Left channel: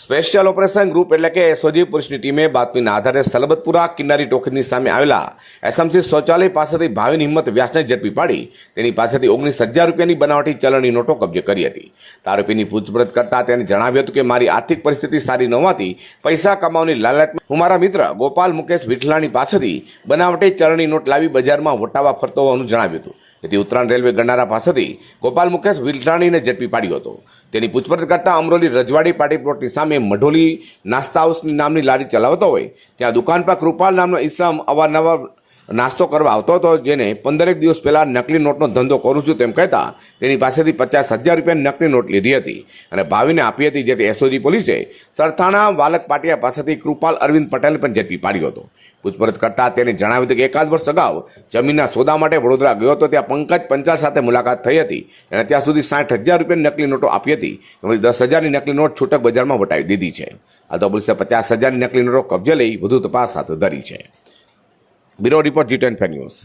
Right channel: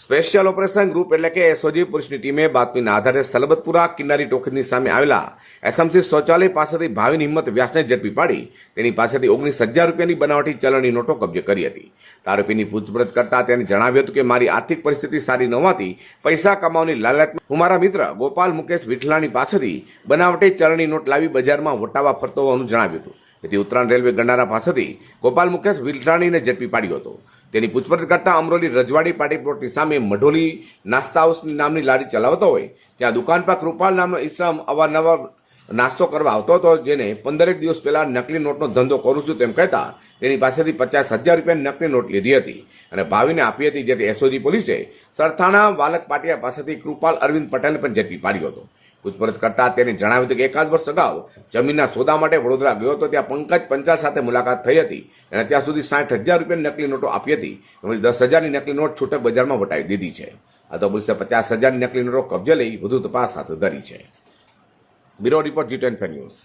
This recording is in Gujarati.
સ્પેશિયલ ઓપરેશન ગ્રુપ એટલે કે એસઓજી પોલીસની ટીમે બાતમીના આધારે સલબતપુરા કિન્નરી ટોકીની સામે આવેલા એસએમસી શૌચાલય પાસેથી ભાવિન હિંમત વ્યાસને ઝડપી પાડી તેની પાસેથી 19,000 રૂપિયાની બનાવટી ચલણની નોટો કબજે કરી હતી. આરોપીની પૂછપરછ કરતા તેને જણાવ્યું હતું કે મારી આર્થિક પરિસ્થિતિ સારી ન હોવાથી પૈસા કમાવાની લાલચમાં હું મારા મિત્ર ગોપાલ મુકેશ વિઠલાણી પાસેથી બનાવટી ચલણની નોટ લાવી બજારમાં વટાવા ફરતો હોવાનું જણાવ્યું હતું. તેથી ઉત્તરાયણ રેલવે ગંડારા પાસેથી ગોપાલ મુકેશ વિઠલાણીને ઝડપી પાડ્યો હતો. તેની પૂછપરછ કરતા અમરોલી રજવાડી પાર્ટી પ્લોટની સામે મઢોલી નાસ્તા હાઉસની નામની લારી ચલાવતો હોય ત્યાં દુકાન પર કૃપાલ નામનો ઈસમ અવારનવાર નાસ્તો કરવા આવતો હતો, જેને 15 દિવસ પહેલા નકલી નોટનો ધંધો કરું છું તેમ કહેતા તેની પાસેથી 50,000 રૂપિયાની નકલી નોટ લીધી હતી અને ભાવિને આપી હતી. જેથી એસઓજી પોલીસે સરથાણા વાલક પાટિયા પાસેથી કૃપાલ અરવિંદ પટેલને પણ ઝડપી પાડ્યો હતો. પૂછપરછ કરતા તેને જણાવ્યું હતું કે એકાદ વર્ષ અગાઉ જમીનના સોદા માટે વડોદરા ગયો હતો. ત્યાં પંકજ પંચાલ સાથે મુલાકાત થઈ હતી અને ત્યાં સુધી 60,000 રૂપિયાની નકલી નોટો આપી હતી. એમાંથી 10,000ની નકલી નોટ છૂટક બજારમાં વટાવી દીધી છે. હાલ તો પોલીસે 50,000ની નકલી નોટો કબજે લઈ વધુ તપાસ હાથ ધરી છે. Bureau report G10 news.